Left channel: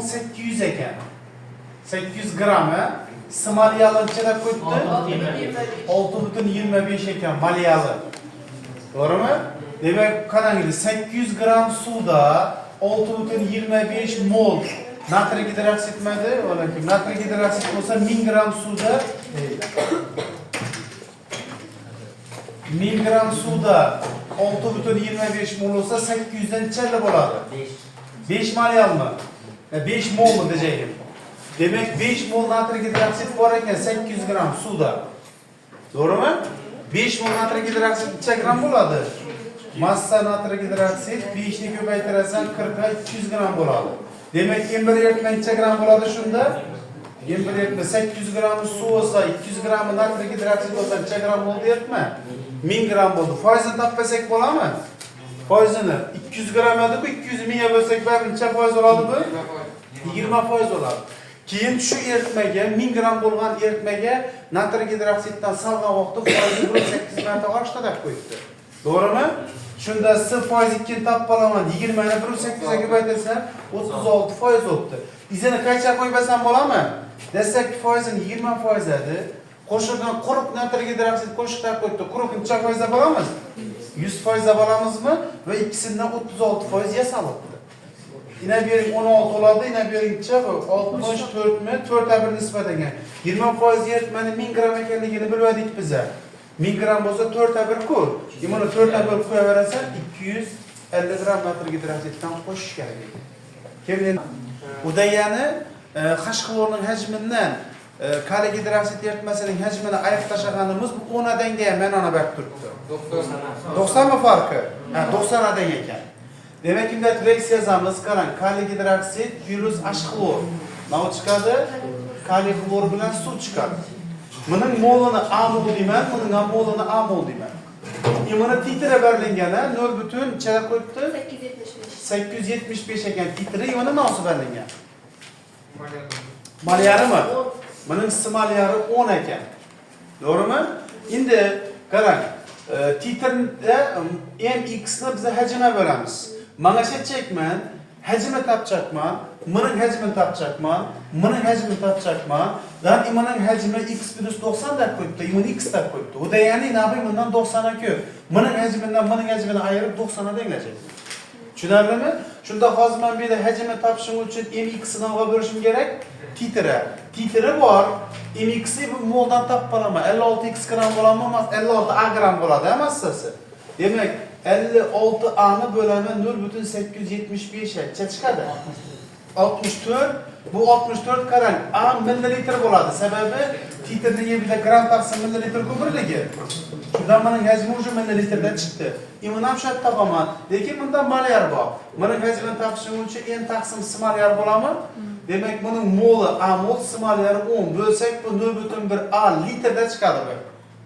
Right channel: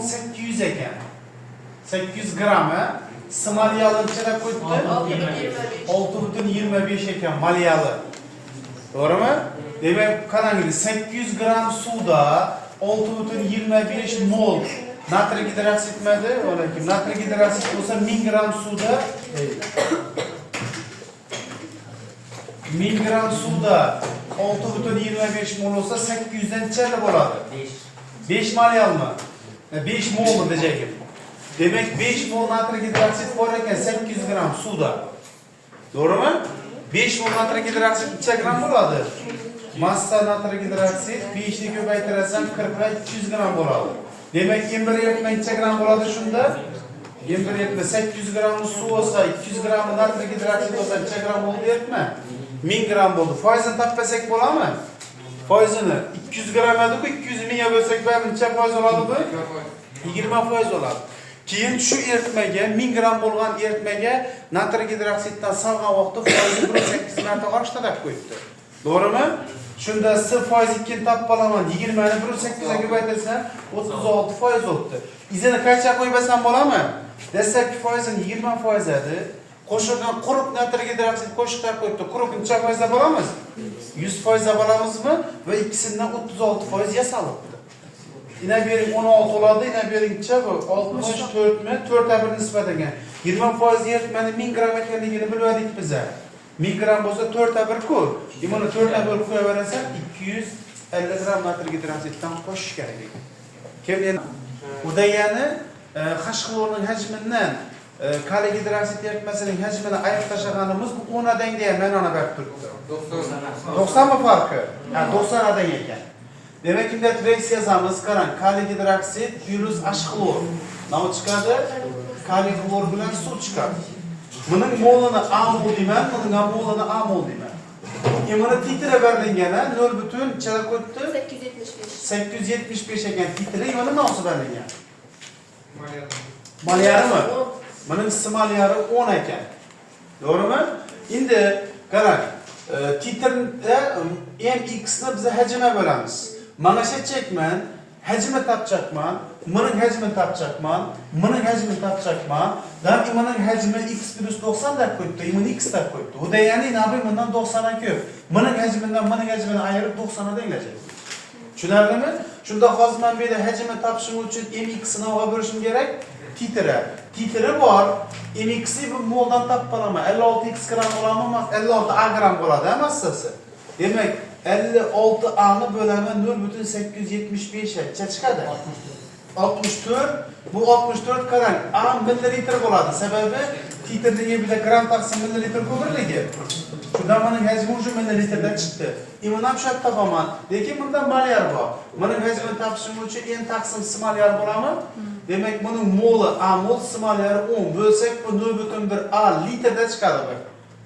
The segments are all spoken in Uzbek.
800 ekan. 800 gramı Smolyalı ichida qo'yibdi. 6,25 ekan malyalı. Doğru mu? Demek qarang, 800 gram suvda 6,25 mol natriy gidroksid etmedi. Olarki natriy gidroksid bo'lsa 1000 gram suvda 1000 gram suvda 6,25 mol olsa 800 dan necha bo'ladi? 5 malyalmi? 5 molmi diyecek. Demek 5 mol natriy gidroksid bor ekan 800 gram suvda. Doğru mu? 5 mol natriy gidroksid necha gram bo'ladi? Massa natriy gidroksid 5 ni ko'paytirasan 40 ga 200 gram bo'ladi. Demek 21 yakma necha gram bo'ladi shunda? 21 yakma 800 gram suv olsa 200 gram natriy gidroksid olsa necha gram bo'ldi deyapman? 1000 gram bo'ldi. Foizini topmasak bo'ladimi? Foizini 200 gram edi-ku 200 mingga bo'lsak bari necha foiz oladi bu? 20% oladi. Keyin shu eritmaga 1000 gram bo'lgan eritmaga natriy gidroksiddan salgan vaqtda foizni 1.8 marta oshtirib qo'yibdi. To'g'rimi? Shunda 0% topib olaman 20 ni 1.8 ga ko'paytirsam 36% bo'libdi. Izini qancha qo'ymasam bo'ladimi? Desak foizini 20% edi. Qo'shilgan quruq natriy gidroksid qo'shib qo'yibdi. Quruq necha foizda bo'lamiz? 100% bo'lamizmi? Va ikkisidan 36% yasalibdi. Yine bir 16 oladu, yine bir necha bu 64 mi? 4'e 1 nisbat ekan. 20% eritmani 1000 gram ekanligini bilmadik bize. 1000 gram bo'lsa 4'e 1 ku. Buni 4'e 1 qo'yaverasan 250 gram natriy gidroksiddan qo'shish kerak. Keyin bu degani H klorning hajmidan kaliy gidroksid eritmasining hajmini ayirib tashlaganimiz bu 10 dan deya men ana berib turibdi. 90 mi farqi? Ha 90 dan ekan. Demek ki de reaksiya yazamiz. Qarang, kaliy gidroksid plus H klor. Nima chiqadi? Kaliy klor bilan suv chiqadi. Buning molini A mol deyman, buning molini A mol deyman. Buni titri berilgani 0 necha qo'yibdi? 875 ekan titri, yana nasib berilgan? Malyarimi? Buning smalyari 10 ekan. To'g'rimi? Endi qarang, titrda mx ni biz hajmga bo'lamiz. Mana shu chekman, hajmi topchakman, buning hajmini topchakman, buning hajmini topchakman. Dan buning hajmi x plus 90 deb qo'yibdi, buni x deb qo'yibdi. U degani nabi bundan 90 ga ko'p. Buning hajmidan buning hajmini ayirib 90 dan gacha. Tushunarlimi? Shunda hozir men bu yerda hajmni topishim uchun mx ni olib berishim kerak. Titri bor. Mx ni bu moldan topib olaman. 56x gram bo'ladimi, emas 56 a gram bo'ladi massasi. Demek 56 a'ni bölemi 0,875 necha chiqadi? 64. Bu 64 qarang, a millilitr bo'ladi. Sababi titrligi bitta gram taqsim millilitr ko'pirligi. Shunda mening hajmi o'sha millilitrda chiqdi. Bundan shu topaman. Lekin bunda malyar bor. Mening hajmini topishim uchun n taqsim smalyar bo'ladimi? Demek buning moli a mol smalyari 10 bo'lsak bu 0,1 a litrda chiqadi bu.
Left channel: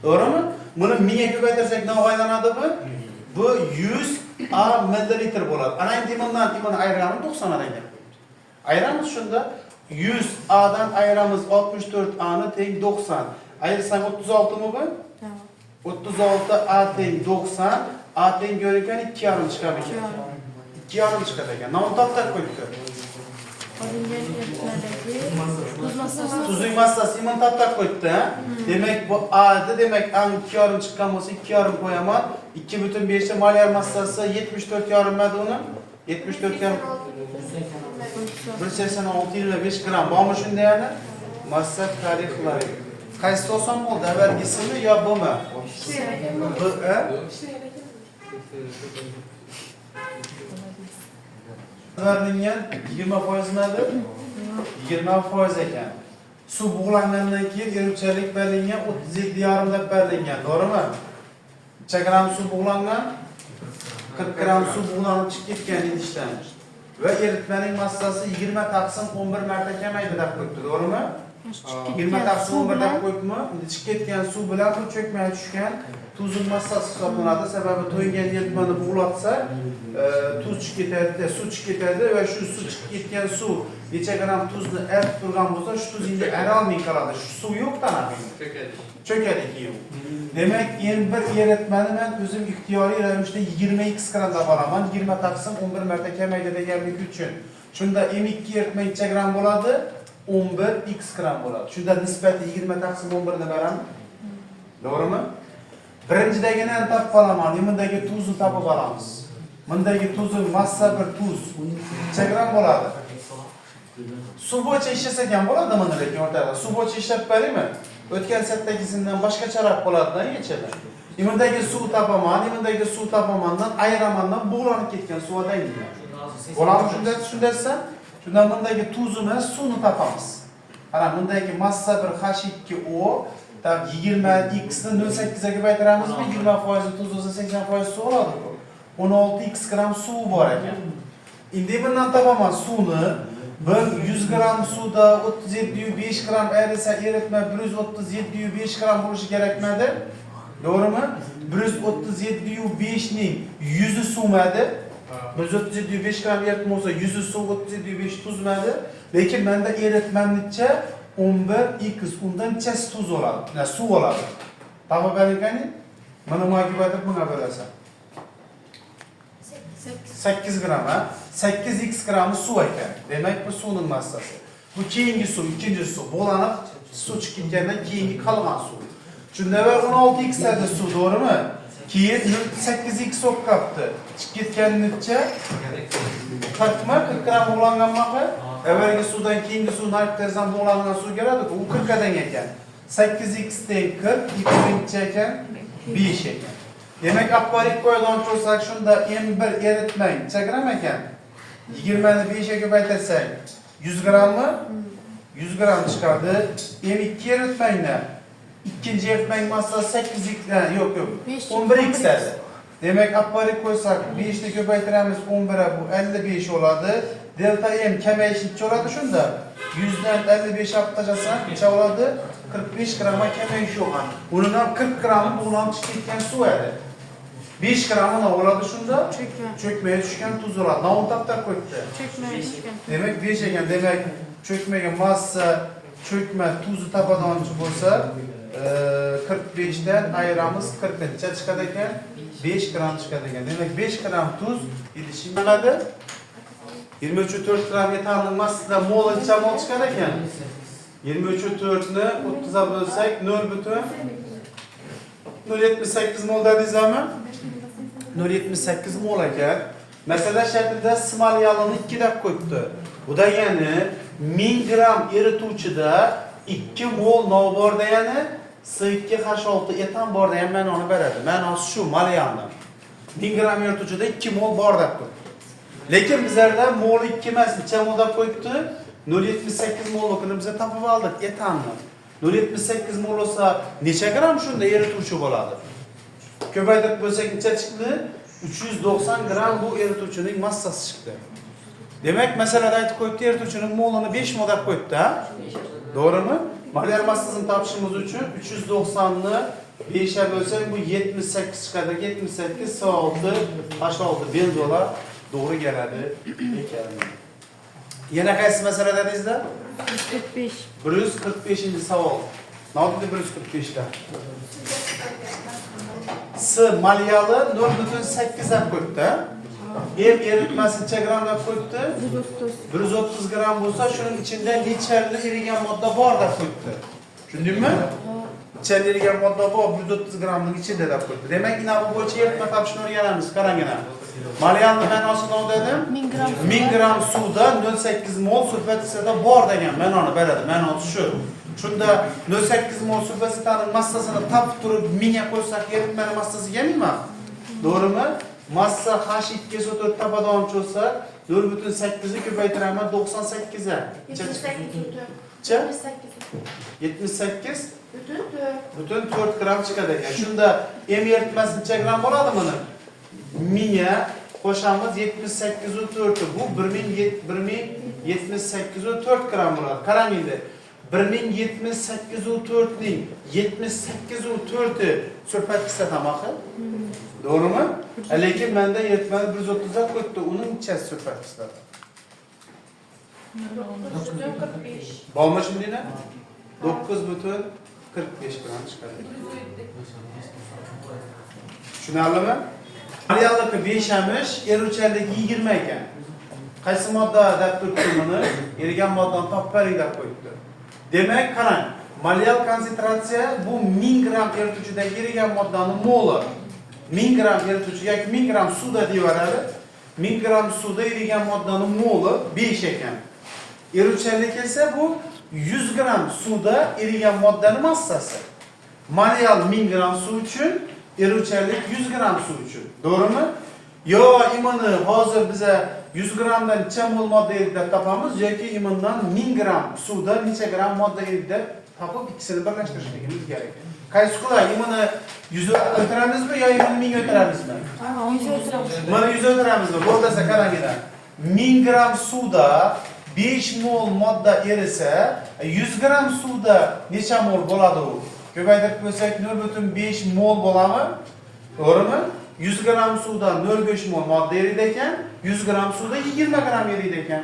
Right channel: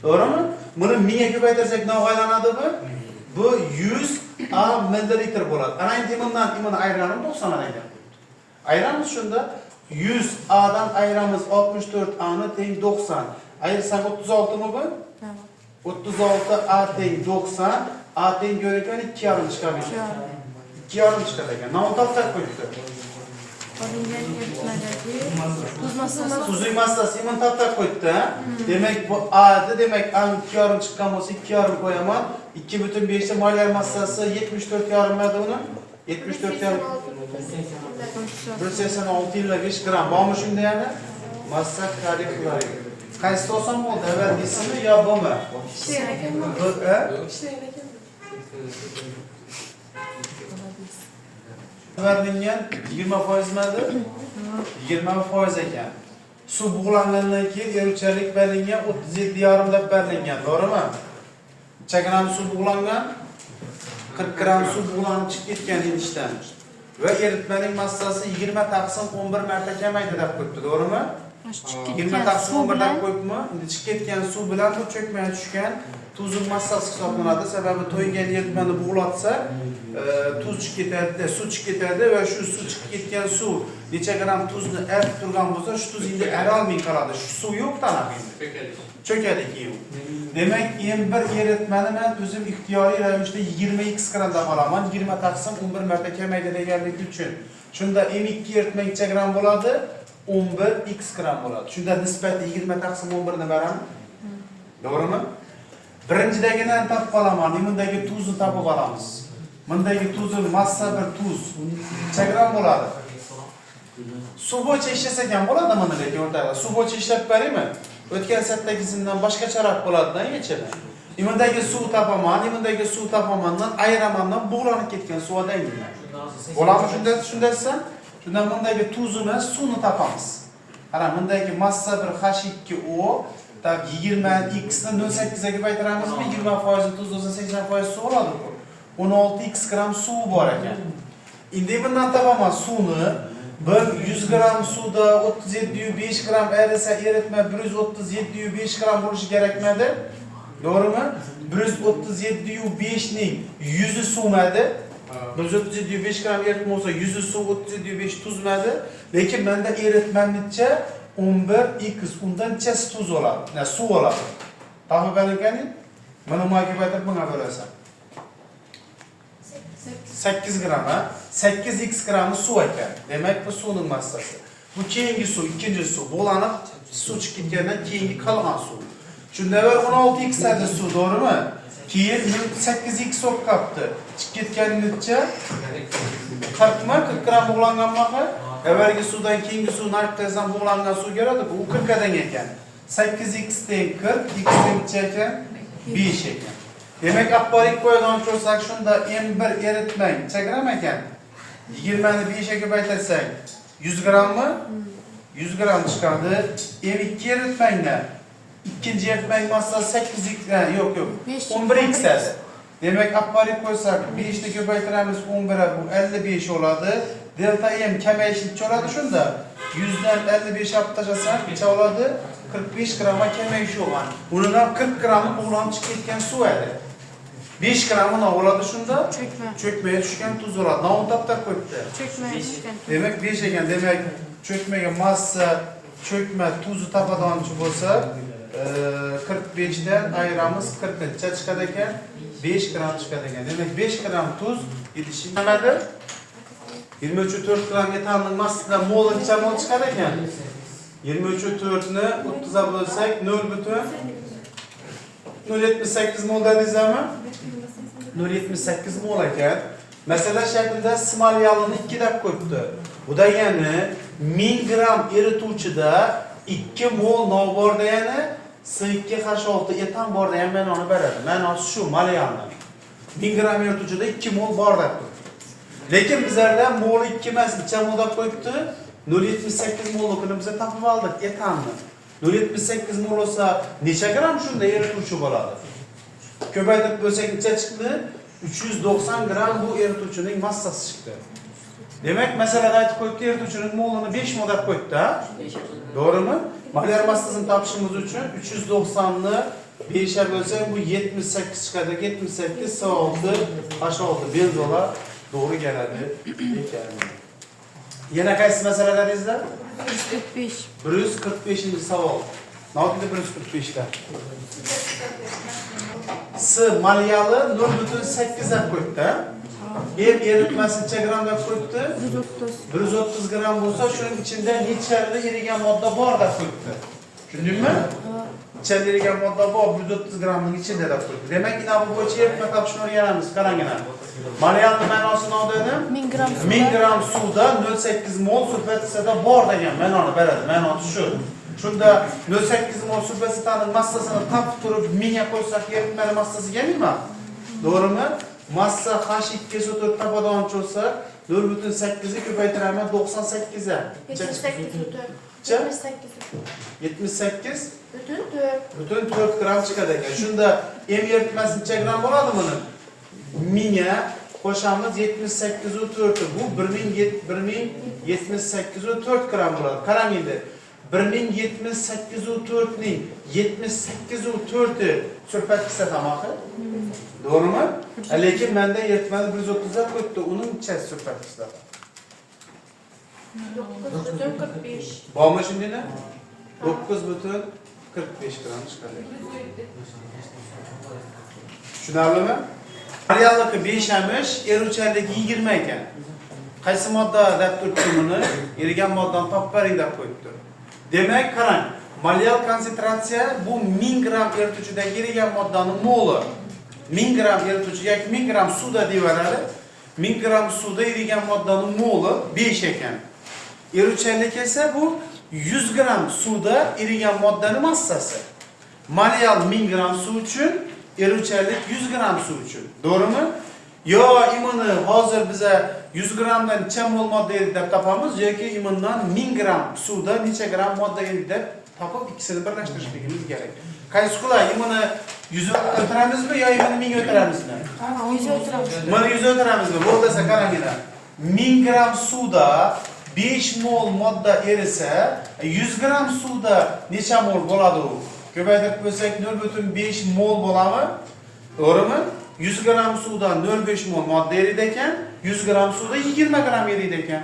To'g'rimi? Buni 1000 ga ko'paytirsak nima aylanadi bu? Bu 100 a millilitr bo'ladi. Ana endi bundan ayranib 90 ga keldi. Ayiramiz shunda 100 a'dan ayiramiz 64 a'ni teng 90. Ayirsam 36 mi bu? Tamam. 36 a teng 90, a teng görürken 2,5 chiqadi. 2,5 chiqadi ekan. Mana bu taqdir qo'ydik. Tuzli massasi iman taqdir qo'yibdi. Demek bu a'di, demek a 2,5 chiqqan bo'lsa 2,5 qo'yaman. 2,5 ta malyar massasi 74,5 madi uni. 74,5 186,5 gram. Bormi shunda yana? Massa tarixlari. Qaysi oson bo'ldi? Avvalgisimi yo bumi? Bu Verilgan 20% madi? 20% ekan. Suv bug'langandan keyin eruvchanlik berilgan 37,5 deb berilgan, to'g'rimi? Necha gram suv bug'langan? 40 gram suv bug'lanib chiqib ketgan idishdan. Ve eritmenin massası 20 taqsim 11 marta kamaydi deb qo'yibdi, to'g'rimi? 20 taqsim 11 deb qo'yibmi? Endi chiqib ketgan suv bilan bu cho'kmay tushgan tuzning massasi hisoblanadi. Sababi to'ygan eritmani bug'latsa, tuz chiqib ketadi, suv chiqib ketadi va shu suv chiqib ketgan suv necha gram tuzni eritib turgan bo'lsa, shu tuz endi ara olmay qoladi. Shu suv yo'q tanaqa endi. Cho'kadi keyin. Demek en bir eritmani men o'zim ixtiyoriy ravishda 20x gram deb olaman. 20 taqsim 11 marta kamaydi deganligi uchun. Shunda M2 eritmang necha gram bo'ladi? 11 x gram bo'ladi. Shunda nisbati 20 taqsim 11 ni beramiz. To'g'rimi? Birinchidagini topib qolaman. Bundagi tuzni topib olamiz. Bundagi tuzning massa bir tuz. Necha gram bo'ladi? Suv bo'yicha ishlasak ham bo'ladi mana lekin o'rtada. Suv bo'yicha ishlab beraymi? O'tgan satdagisindan boshqacharoq bo'ladi-da yechadi. Bundagi suv topaman, bundagi suv topamandan ayiramandan bug'lanib ketgan suvdan gina. Bo'ladi shunday desam, shundan bundagi tuzini, suvni topamiz. Mana bundagi massa bir H2O tab 20 x ni 0.8 ga ko'paytiramizmi? 20% tuz bo'lsa 80% suv bo'ladi. 16 x gram suv bor ekan. Endi bundan topaman suvni. Bir 100 gram suvda 37,5 gram erisa eritma 137,5 gram bo'lishi kerakmidi? To'g'rimi? 137,5 ning 100 suvmadi. 137,5 gram eritma bo'lsa 100 suv 37,5 tuzmadi. Lekin menda eritmamcha 11x undan chas tuz bo'ladi. Ya suv bo'ladi. Topib beringkani? Mana mo'g'ibada bunga bo'lasan. 8 gram ha? 8x gramı suv ekan. Demak bu suvning massasi. Bu keyingi suv, ikkinchi suv bo'lanib suv chiqib ketgandan keyingi qolgan suv. Shunda 16x adi suv, to'g'rimi? Keyin 8x bo'lib qolibdi. Chiqib ketganicha 40 ma 40 gram bo'langanmi? Avvalgi suvdan keyingi suv narxdan bo'langan suv keladi, bu 40 dan ekan. 8x teng 40, x teng ekan 5 ekan. Demek akbarik koydan koysak şunda M1 eritmang necha gram ekan? 20 ni 5 ga ko'paytirsak 100 gram mı? 100 gram chiqadi. M2 eritmangni. İkinci eritmang massasi 8x yok 11x edi. Demek akbarik koysak 5 ni ko'paytiramiz 11'e bu 55 oladi. Delta M kamayishchi oladi shunda. 100 dan 55 olib tashlasak necha oladi? 45 gramga kamayish yo'q. Undan 40 gramı bo'lanib chiqib ketgan suv edi. 5 gramını oladu şunda çökmeye düşken tuz oladu. Navun taptak koydu. Çökmeye düşken. Demek 5 eken demek çökmeye massa çökme tuzu tapadan olsa 45'den ayıramız 40 neçe çıkarken 5 gram çıkarken. Demek 5 gram tuz yetişimlemedi. 23,4 gram yeterli massada mol neçe mol çıkarken 23,4'ünü 30'a bölsek 0,78 mol dediğimiz zaman 0,78 mol ekan. Mesela şeklinde smalyalını 2 dakika koydu. Bu da yani 1000 gram erituvchida 2 mol nol bor degani S2H6 etan bor degan ma'noni beradi. Ma'nosi shu malyalni. 1000 gram erituvchida 2 mol bor deb turibdi. Lekin bizlarda mol 2 emas, necha mol deb qo'yibdi? 0,78 molligini biz topib oldik etanni. 0,78 mol bo'lsa necha gram shunda erituvchi bo'ladi? Ko'paytirib bo'lsak necha chiqdi? 390 gram bu erituvchining massasi chiqdi. Demak, masalada aytib qo'yibdi, erituvchining molini 5 mol deb qo'yibdi, ha? To'g'rimi? Molyar massasini topishimiz uchun 390 ni 5 ga bo'lsak bu 78 chiqadi. 78 S6 H6 benzolar to'g'ri keladi ekan. Yana qaysi masalada bizda? 145. 145-chi savol. Nima dedi 145 da? S malyalı 0,8 deb qo'yibdi. Eritmasi necha gram deb qo'yibdi? 130. 130 gram bo'lsa, shuning ichida nechvarli erigan modda bor deb qo'yibdi. Tushundingmi? Ichida erigan modda bor 130 gramning ichida deb qo'yibdi. Demak, ina bu bo'yicha eritma topishni o'rganamiz. Qaranglar. Malyalni ma'nosi nima dedim? 1000 gram suvda 0,8 mol sulfatsiyada bor degan ma'noni beradi. Ma'nosi shu. Shunda 0,8 mol sulfatsiyani massasini topib turib 1000 ga qo'ysak eritma massasi kelmaymi? To'g'rimi? Massa H2 4 tabadan olsa 0,8 ni ko'paytiraman 98 ga. 78 butun 4 gram chiqadi ekan. Shunda M eritmasi necha gram bo'ladi buni? 1000 ga qo'shamiz 78 u 4 bu 1078 u 4 gram bo'ladi. Qarang endi. 1078 u 4 ning 78 u 4'ü sulfatsiyasi tamaxi. To'g'rimi? Lekin menda eritmani 130 ga qo'yibdi. Uning ichasi sulfatsiyasi. 9,45. Bormi shundaymi? 9,45 gram chiqadi. Tushunarlimi? Malyalligi 5 amish, eruvchanligi 20 ekan. Qaysi modda deb turibdi erigan moddan topib bering deb qo'yibdi. Demak, qarang, molekyal konsentratsiya bu 1000 gram erituvchidagi erigan moddaning moli. 1000 gram erituvchi yoki 1000 gram suvda deyaveradi. 1000 gram suvda erigan moddaning moli 5 ekan. Eruvchanlik esa bu 100 gram suvda erigan moddaning massasi. Molekyal 1000 gram suv uchun, eruvchanlik 100 gram suv uchun. To'g'rimi? Yo imonni hozir biza 100 gramdan necha mol modda eridi deb topamiz yoki imondan 1000 gram suvda necha gram modda eridi deb topib ikkisini birlashtirishligimiz kerak. Qaysi qulay? Imonni 100 o'tiramizmi yo imonni 1000 o'tiramizmi? 100 o'tiramiz. Mana 100 o'tiramizmi? Bo'lsa qaranglar. 1000 gram suvda 5 mol modda erisa, 100 gram suvda necha mol bo'ladi u? Ko'paytirib qo'ysak 0.5 mol bo'ladimi? To'g'rimi? 100 gram suvda 0.5 mol modda eriydi ekan, 100 gram suvda 20 gram eriydi ekan.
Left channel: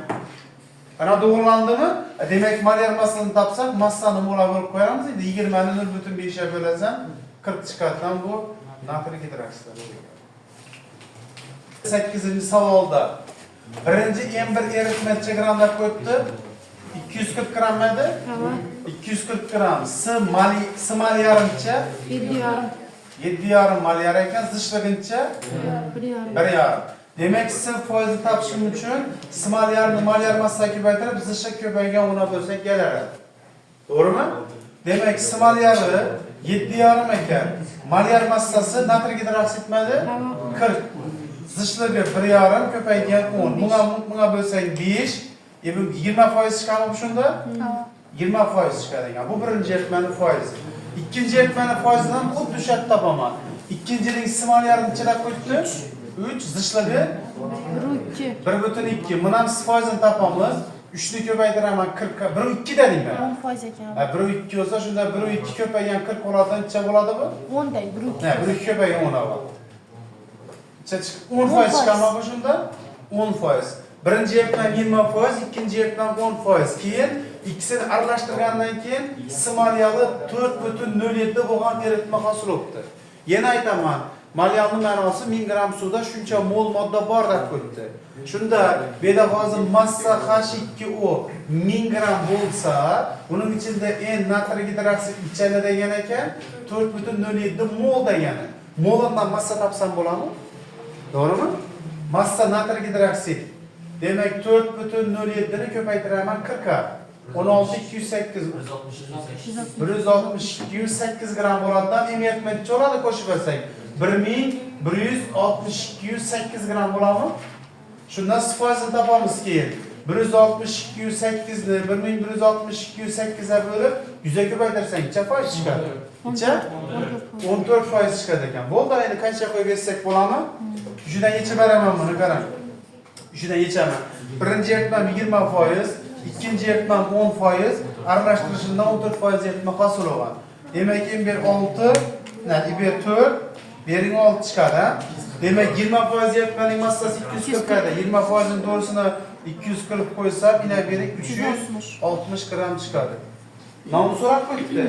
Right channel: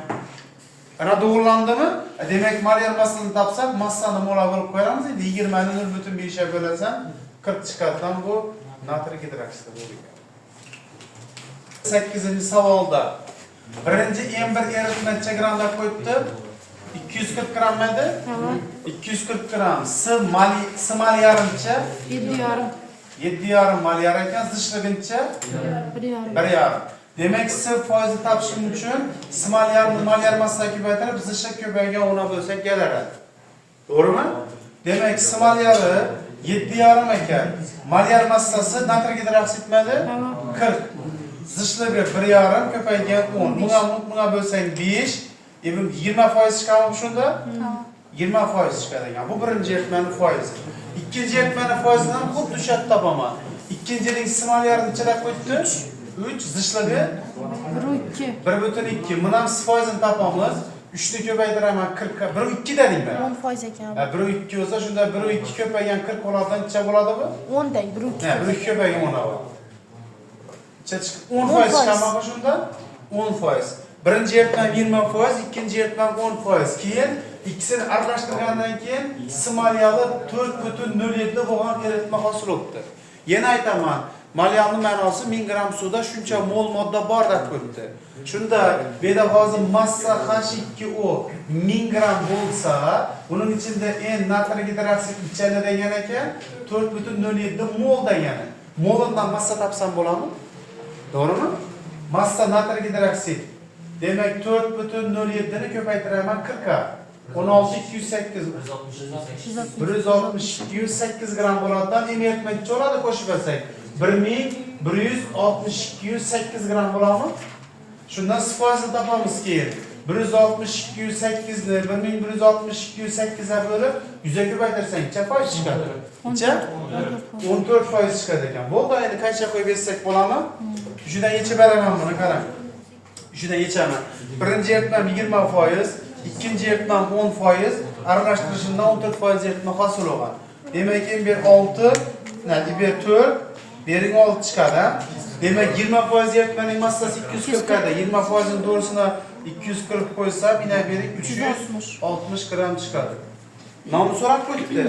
Ana to'g'rilandimi? Demak, molekyal massani topsak, massani molar bo'lib qo'yamiz. Endi 20 ni 0.5 ga bo'lasan, 40 chiqadigan bu natriy gidroksid bo'ladi. 8-savolda birinchi M1 eritma necha gram deb qo'yibdi? 240 gram edi? 240 gram. S mal yarimcha 7,5. 7,5 molyar ekan, zishligincha 1,5. 1,5. Demak, S foizni topishim uchun S molyar massani ko'paytirib, zishlik ko'paygan ona bo'lsak kelaradi. To'g'rimi? Demak, S molyari 7,5 ekan. Molyar massasi natriy gidroksidmadi 40. Zishligi 1,5 ko'paygan 10. Bunga bo'lsak 5, 20% chiqadi shunda? 20% chiqadi ekan. Bu birinchi eritmaning foizi. İkinci eritmaning foizidan xuddi o'sha yerda topaman. Ikkinchining S molyarini necha qo'yibdi? 3, zishligi 1,2. Buni ham S foizini topamiz. 3 ni ko'paytiraman 40 ga 1,2 dedingmi? 10% ekan. 1,2 bo'lsa shunda 1,2 ko'paygan 40 bo'ladi, necha bo'ladi bu? 10 dang 1,2. 1,2 ko'paygan 10 bo'ladi. Necha chiqdi? 10% chiqarmoqchi shunda? 10%. Birinchi eritma 20%, ikkinchi eritma 10%. Keyin ikkisini aralashtirgandan keyin S molyali 4,07 bo'lgan eritma hosil bo'libdi. Yana aytaman, molyalning ma'nosi 1000 gram suvda shuncha mol modda bor deb ko'ribdi. Shunda beda hozir massa H2O 1000 gram bo'lsa, uning ichida N natriy gidroksid ichida degan ekan 4,07 mol degani. Moldan massa topsam bo'ladimi? To'g'rimi? Massa natriy gidroksid. Demak 4,07 ni ko'paytiraman 40 ga. 16,208 162,8 gram bo'ladidan emitmenchi bo'ladi qo'shib olsak 1162,8 gram bo'ladimi? Shundan S foizini topamiz keyin. 162,8 ni 1162,8 ga bo'lib 100 ga ko'paytirsang necha foiz chiqadi? Necha? 14% chiqadi ekan. Bo'ldi, endi qancha qo'yib bersak bo'ladimi? Shundan yechib beraman buni, qarang. Shundan yechaman. Birinchi eritmam 20%, ikkinchi eritmam 10%, aralashtirishimdan 14% eritma hosil bo'lgan. Demak, M1 6, M1 4, bering 6 chiqadi. Demak, 20% eritmaning massasi 240 ga, 20% ning to'g'risini 240 qo'ysa, bina bering 360 gram chiqadi. Nomni so'rab qo'yibdi.